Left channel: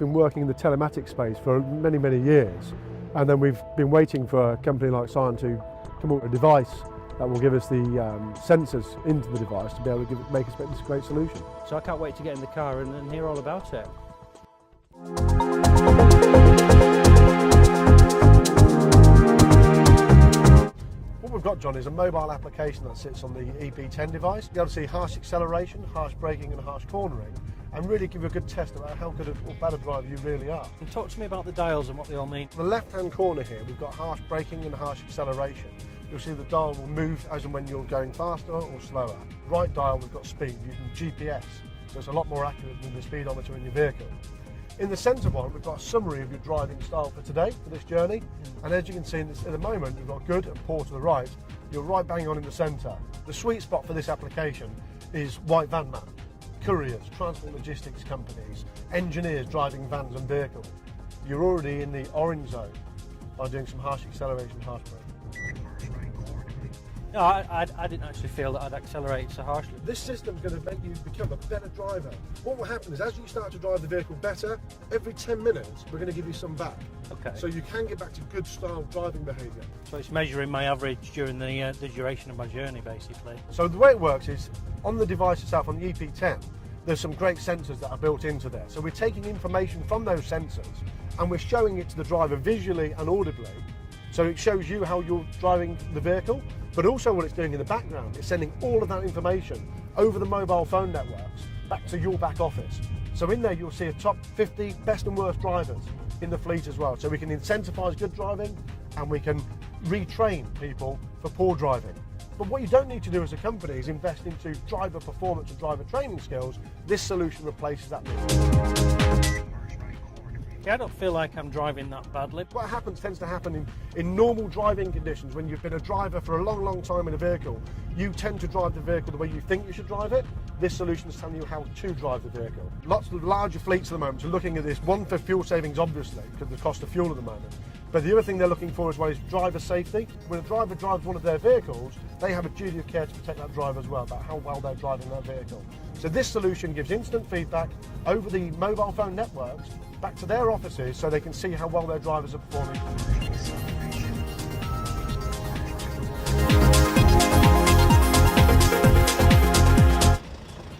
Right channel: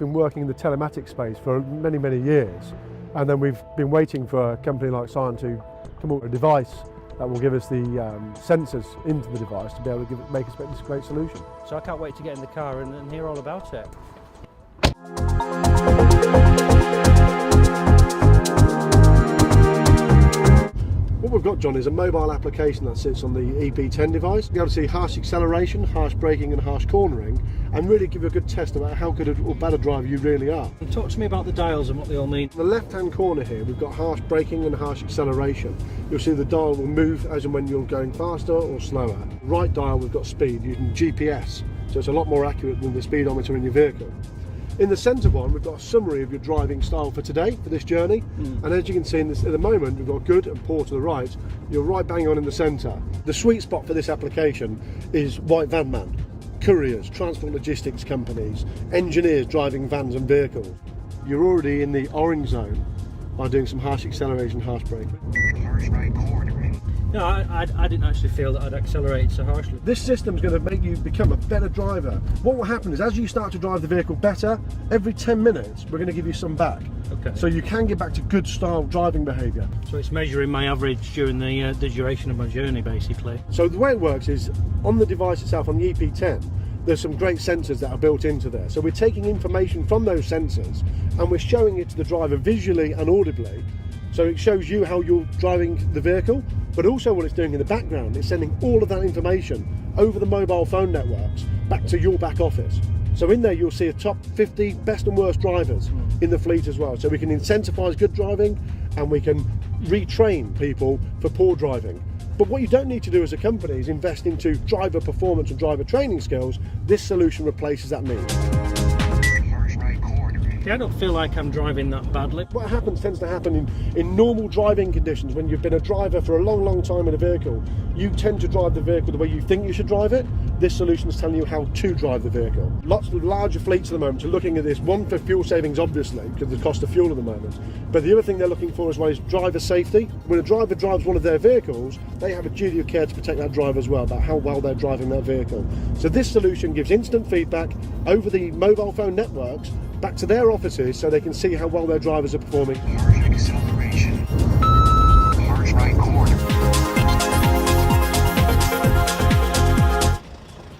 been working in the telematics space for many, many years, and then we've been waiting for a company like Scion to come up with a device that will give us the sensors into the device to be able to make us this great solution. So I can't wait to get in the car and hear all about it. What we've got, John, is a mobile application that sits on the EP10 device. You'll be able to see harsh acceleration, harsh braking and harsh cornering, and really give you a good test about how good or bad a driver you really are. Talk to me about the dials and what they all mean. In the left-hand corner here, we've got harsh braking and harsh acceleration. You'll see the dial will move as and when you're going faster or slower. Right dial, we've got speed using GPS, so it's a lot more accurate than the speedometer in your vehicle. In the centre one, we've got a summary of your driving style for today, for this journey. And as you can see in this, at the moment, we've got good and poor to the right. You're right bang on in the centre. The sweet spot for this application is white van man, couriers, transport logistics companies, engineers driving vans and vehicles. You're already in the orange zone by doing some harsh acceleration, harsh braking. No, I didn't actually feel that I'd accelerate so harshly. This system's going to make you become a better driver. What will happen is as you start to drive the vehicle better, every 10 minutes we're going to give you some back. Okay. So you can get back to good style driving behaviour. So it's measuring my average during the duration of my journey, basically. So the way it works is on the device itself, on the EP10, there's some great sensors that are built into there. So we're taking information from those sensors and we're showing it to the driver visually and audibly. So it shows you how you're driving the vehicle, but also what it's doing in the background, it's sending all of that information over the mobile phone networks back to your back office. So in there you'll see the top 50 best and worst drivers in the fleet as well. So we can incentivise good driving and we can retrain people for poor driving. But what you don't need to do as a company is invest into driver performance and driver training skills. This solution replaces that need. Yeah, I don't feel like I'm driving that badly. What tends to happen in normal driving conditions, when you've been a driver for a long time in a vehicle, you tend to drive the vehicle the way you think you should drive it. This solution is telling you how to drive the vehicle. Lots of larger fleets at the moment are looking at this, one for fuel savings obviously, because of the cost of fuel at the moment, but the other thing they're looking for as well is driver safety. When a driver drives one of their vehicles, they have a duty of care to protect that driver as well, about how well they're driving that vehicle. So this solution gives instant feedback over the mobile phone networks back to their offices so they can see how well their drivers are performing. Harsh acceleration. Harsh right corner.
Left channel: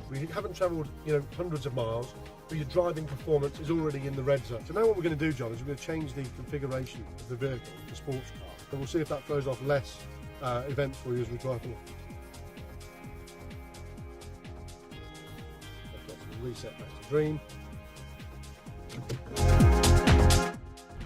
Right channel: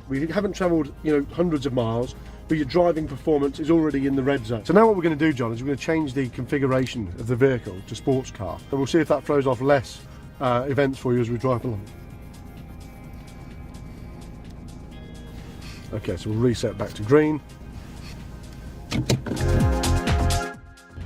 We haven't travelled, hundreds of miles, but your driving performance is already in the red zone. So now what we're going to do, John, is we're going to change the configuration of the vehicle to sports car. And we'll see if that throws off less events for you as we drive along. Okay, so we'll reset back to green.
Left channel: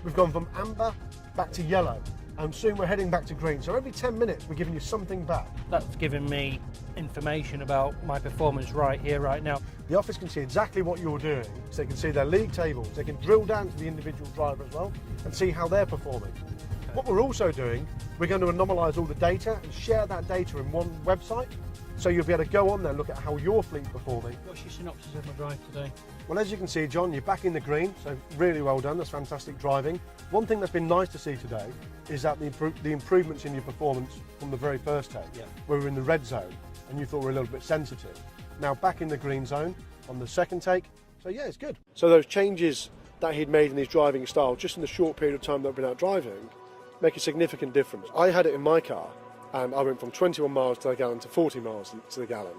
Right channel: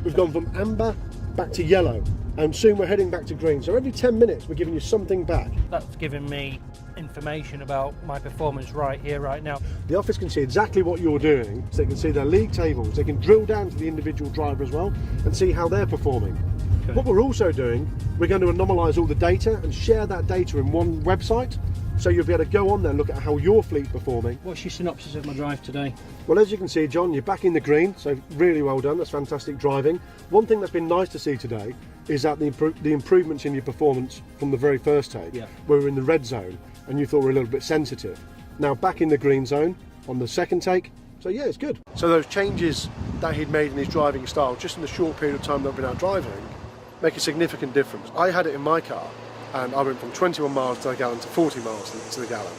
We've gone from amber back to yellow, and soon we're heading back to green. So every 10 minutes we're giving you something back. That's giving me information about my performance right here, right now. The office can see exactly what you're doing, so they can see their league tables. They can drill down to the individual driver as well and see how they're performing. Okay. What we're also doing, we're going to anomalise all the data and share that data in one website. So you'll be able to go on there and look at how your fleet's performing. What's your synopsis of my drive today? Well, as you can see, John, you're back in the green, so really well done. That's fantastic driving. One thing that's been nice to see today is that the improvements in your performance from the very first take, where we were in the red zone and you thought we were a little bit sensitive. Now back in the green zone on the second take, so yeah, it's good. So those changes that he'd made in his driving style, just in the short period of time that we've been out driving, make a significant difference. I had it in my car, and I went from 21 miles to the gallon to 40 miles to the gallon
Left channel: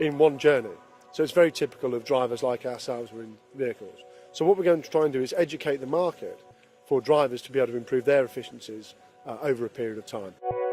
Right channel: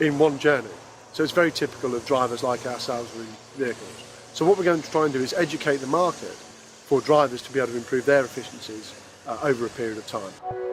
in one journey. So it's very typical of drivers like ourselves with vehicles. So what we're going to try and do is educate the market for drivers to be able to improve their efficiencies over a period of time.